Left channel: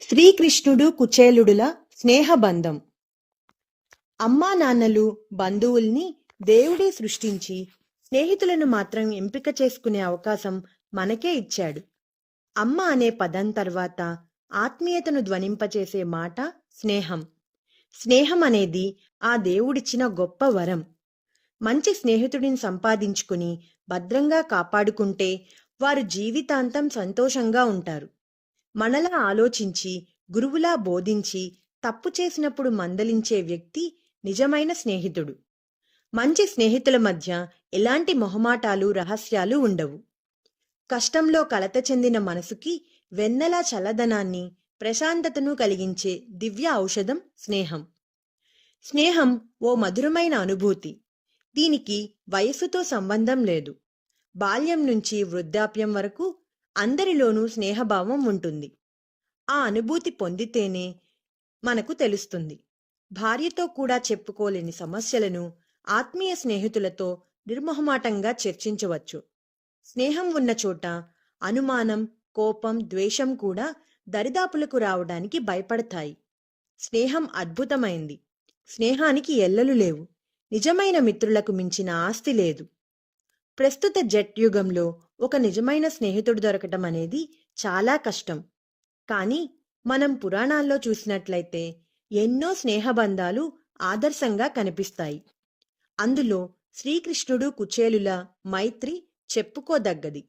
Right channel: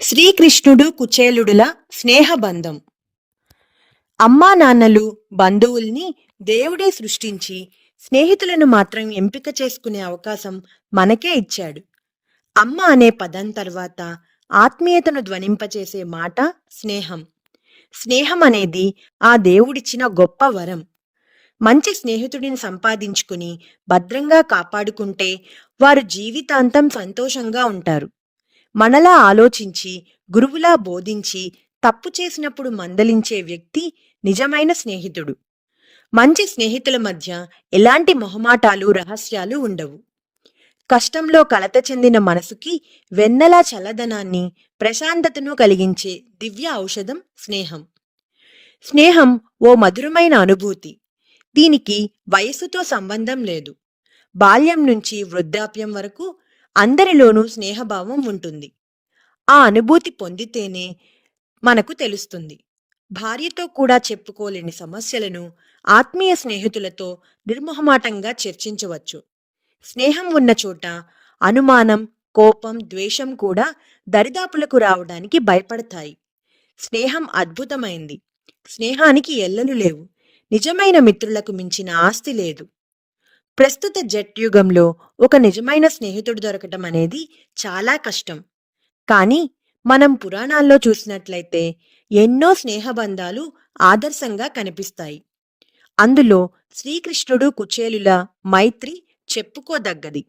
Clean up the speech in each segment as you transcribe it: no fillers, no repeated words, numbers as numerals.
శ్రీకృష్ణుడు కుచేలుడుల స్నేహబంధం. అమ్మా నాన్నలు బంధువుల్ని దేవుడే సృష్టించి స్నేహితులను మాత్రం ఎంపిక చేసుకునే అవకాశం మనకే ఇచ్చాడు. అమ్మ అనే పదం తర్వాత ఆత్మీయతను ధ్వనింపచేసే మాట స్నేహం. స్నేహం అనేది ఆ దేవుడిచ్చిన గొప్ప వరం. మంచి స్నేహితుడిని సంపాదించుకుని భద్రంగా కాపాడుకుంటే వారు జీవితాంతం సంతోషంగా ఉంటారు. మనలా ఆలోచించి, గురువులా బోధించి, తప్పు చేసినప్పుడు మందలించే వ్యక్తి నిజమైన స్నేహితుడు. మంచి స్నేహితుల మధ్య ఎలాంటి మొహమాటాలు, రహస్యాలు ఉండవు. కష్టంలో కలత చెందిన మనసుకి వెన్నెలా చల్లదనాన్ని, ప్రశాంతతను కలిగించే దివ్య ఔషధం స్నేహం. స్నేహం ఓ మధురమైన అనుభూతి. దీనికి వయస్సుతో సంబంధం లేదు. బాల్యం నుంచి వృద్ధాప్యం వరకు అందరిలోనూ స్నేహభావం ఉంటుంది. ఆ అనుభూతి పొందితేనే మనకు తెలుస్తుంది. భార్యతో కూడా చెప్పుకోలేని సమస్యలను ఆత్మీయ స్నేహితులతో నిర్మొహమాటంగా చర్చించవచ్చు. స్నేహం ఉన్న చోట అనుమానం, కోపం, ద్వేషం కూడా దరిదాపులకు రావడానికి భయపడతాయి. స్నేహం అద్భుతమైంది. స్నేహానికి ఎల్లలు లేవు. నిజమైన మిత్రులకు మించిన ఆస్తి లేదు. ప్రస్తుత జట్యుగంలో ఒక నిజమైన స్నేహితుడు దొరకటం అనేది చాలా కష్టం. కానీ మనం పురాణాల్లో చూసినట్లయితే ఎన్నో స్నేహబంధాలు ఆదర్శంగా కనిపిస్తాయి. అందులో శ్రీకృష్ణుడు కుచేలుల మైత్రి చెప్పుకోదగ్గది.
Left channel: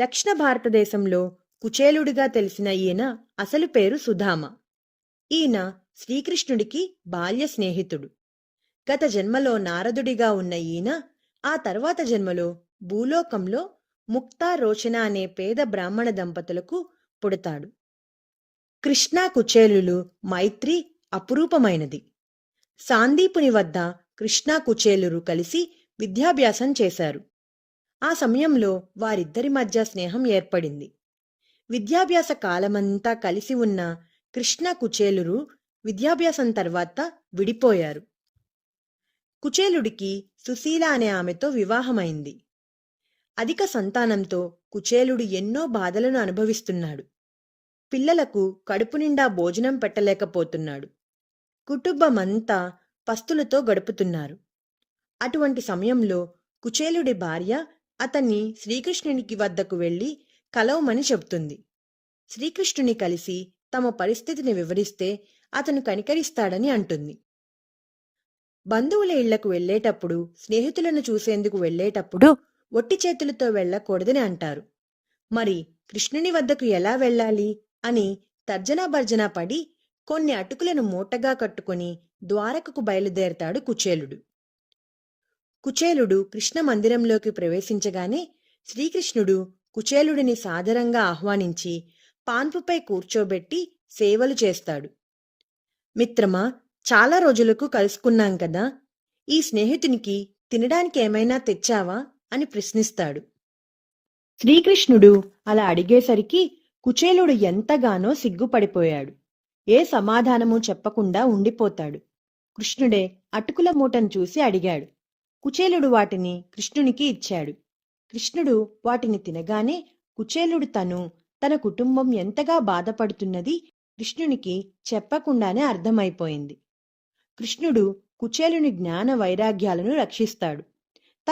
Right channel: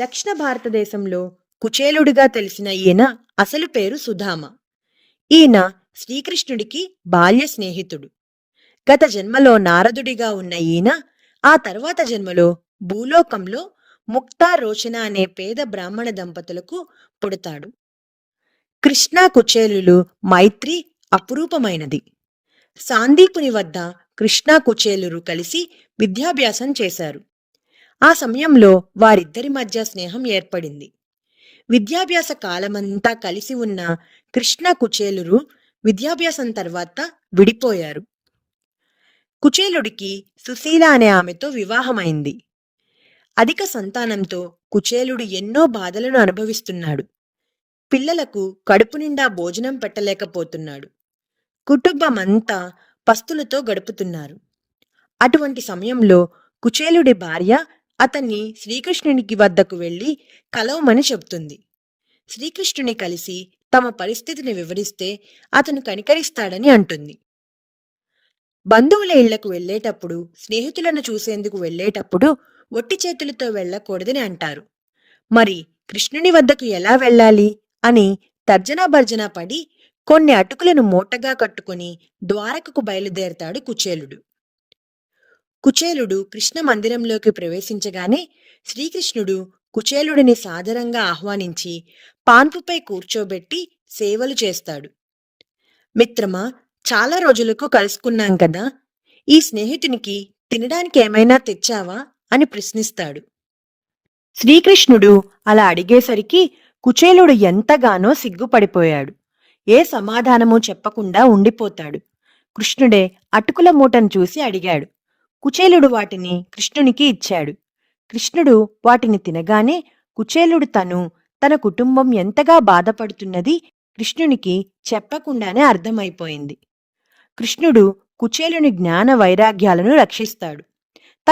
దక్షిణ భారతదేశంలో కుచేలుడిగా తెలిసిన ఈయన అసలు పేరు సుధామ. ఈయన శ్రీకృష్ణుడికి బాల్య స్నేహితుడు. గత జన్మలో నారదుడిగా ఉన్న ఈయన ఆ తర్వాత జన్మలో భూలోకంలో ముక్తా రోచన అనే పేద బ్రాహ్మణ దంపతులకు పుడతాడు. కృష్ణ కుచేలులు మైత్రి అపురూపమైనది. సాందీపుని వద్ద కృష్ణ కుచేలురు కలిసి విద్యాభ్యాసం చేశారు. ఆ సమయంలో వారిద్దరి మధ్య స్నేహం ఏర్పడింది. విద్యాభ్యాస కాలమంతా కలిసి ఉన్న కృష్ణ కుచేలురు విద్యాభ్యాసం తర్వాత విడిపోయారు. కుచేలుడికి సుశీల అనే ఆమెతో వివాహమైంది. అధిక సంతానంతో కుచేలుడు ఎన్నో బాధలను అనుభవిస్తున్నాడు. పిల్లలకు కడుపు నిండా భోజనం పెట్టలేకపోతున్నాడు. కుటుంబమంతా పస్తులతో గడుపుతున్నారు. అటువంటి సమయంలో కుచేలుడి భార్య అతన్ని శ్రీకృష్ణునికి వద్దకు వెళ్లి కలవమని చెబుతుంది. శ్రీకృష్ణుని కలిసి తమ పరిస్థితిని వివరిస్తే అతను కనికరిస్తాడని అంటుంది. బంధువుల ఇళ్లకు వెళ్లేటప్పుడు, స్నేహితులను చూసేందుకు వెళ్లేటప్పుడు ఒట్టి చేతులతో వెళ్లకూడదని అంటారు. మరి కృష్ణుని వద్దకు ఎలా వెళ్ళాలి అని తర్జనా భర్జనా పడి కొన్ని అటుకులను మూటగా కట్టుకుని ద్వారకకు బయలుదేరతాడు కుచేలుడు. కుచేలుడు కృష్ణ మందిరంలోకి ప్రవేశించగానే శ్రీకృష్ణుడు కుచేలుడిని సాదరంగా ఆహ్వానించి పాన్పుపై కూర్చోబెట్టి సేవలు చేస్తాడు. మిత్రమా, చాలా రోజులకు కలుసుకున్నాం కదా, ఈ స్నేహితునికి తినడానికి ఏమైనా తెచ్చావా అని ప్రశ్నిస్తాడు. శ్రీకృష్ణుడు అలా అడిగేసరికి కుచేలుడు ఎంతగానో సిగ్గుపడిపోయాడు. ఏ సమాధానమూ చెప్పకుండా ఉండిపోతాడు. కృష్ణుడే అటుకుల మూటను చూసి అడిగాడు. కుచేలుడు వాటిని కృష్ణునికి ఇచ్చాడు. కృష్ణుడు వాటిని తినగానే కుచేలుడు తన కుటుంబం ఎంతగా బాధపడుతున్నది కృష్ణునికి చెప్పకుండానే అర్థమైపోయింది. కృష్ణుడు కుచేలుని జ్ఞాన వైరాగ్యాలను రక్షిస్తాడు.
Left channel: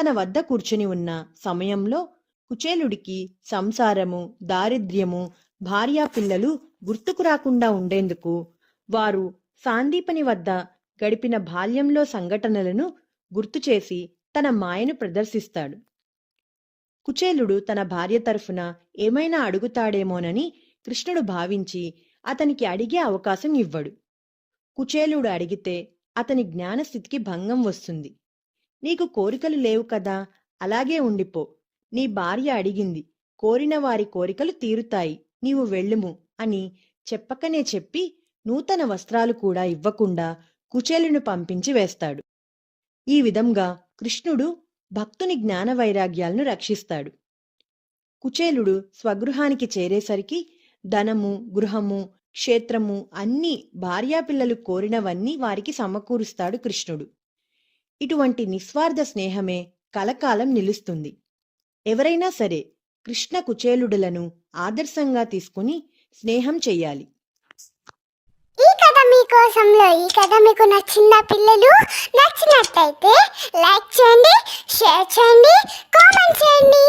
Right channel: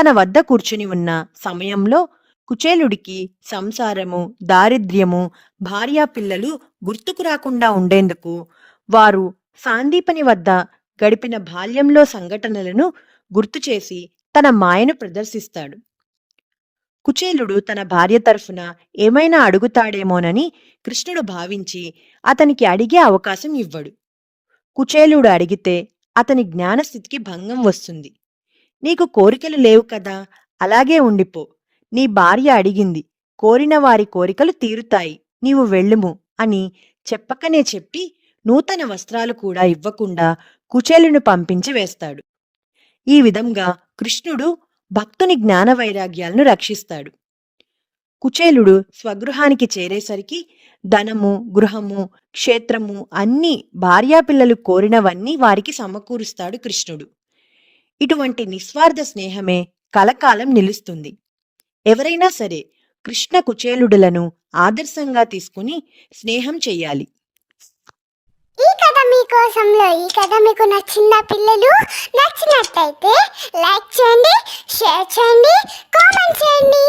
తన వద్ద కూర్చుని ఉన్న సమయంలో కుచేలుడికి సంసారము, దారిద్ర్యము, భార్యా పిల్లలు గుర్తుకు రాకుండా ఉండేందుకు వారు సాందీపని వద్ద గడిపిన బాల్యంలో సంఘటనలను గుర్తుచేసి తన మాయను ప్రదర్శిస్తాడు. కుచేలుడు తన భార్య తరఫున ఏమైనా అడుగుతాడేమోనని కృష్ణుడు భావించి అతనికి అడిగే అవకాశం ఇవ్వడు. కుచేలుడు అడిగితే అతని జ్ఞానస్థితికి భంగం వస్తుంది. నీకు కోరికలు లేవు కదా, అలాగే ఉండిపో. నీ భార్య అడిగింది, కోరిన వారి కోరికలు తీరుతాయి, నీవు వెళ్ళుము అని చెప్పకనే చెప్పి నూతన వస్త్రాలు కూడా ఇవ్వకుండా కుచేలుని పంపించి వేస్తాడు. ఈ విధంగా కృష్ణుడు భక్తుని జ్ఞాన వైరాగ్యాలను రక్షిస్తాడు. కుచేలుడు స్వగృహానికి చేరేసరికి ధనము, గృహము, క్షేత్రము అన్నీ భార్యాపిల్లలు కోరినవన్నీ వారికి సమకూరుస్తాడు కృష్ణుడు. ఇటువంటి నిస్వార్థ స్నేహమే కలకాలం నిలుస్తుంది. ఎవరైనా సరే కృష్ణ కుచేలుడులను ఆదర్శంగా తీసుకుని స్నేహం చెయ్యాలి. ఈ కథ మీకోసంలో ఈ కథ మీకు నచ్చిందా పిల్లలు? నచ్చినట్టయితే లైక్ చేయండి, షేర్ చేయండి, కామెంట్ చేయండి,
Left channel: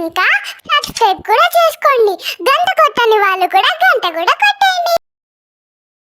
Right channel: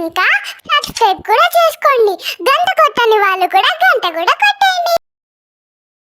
ఇంకా సబ్స్క్రైబ్ కూడా చేసుకోండి. గంట కొట్టని వాళ్ళు కూడా గంట కూడా కొట్టండి.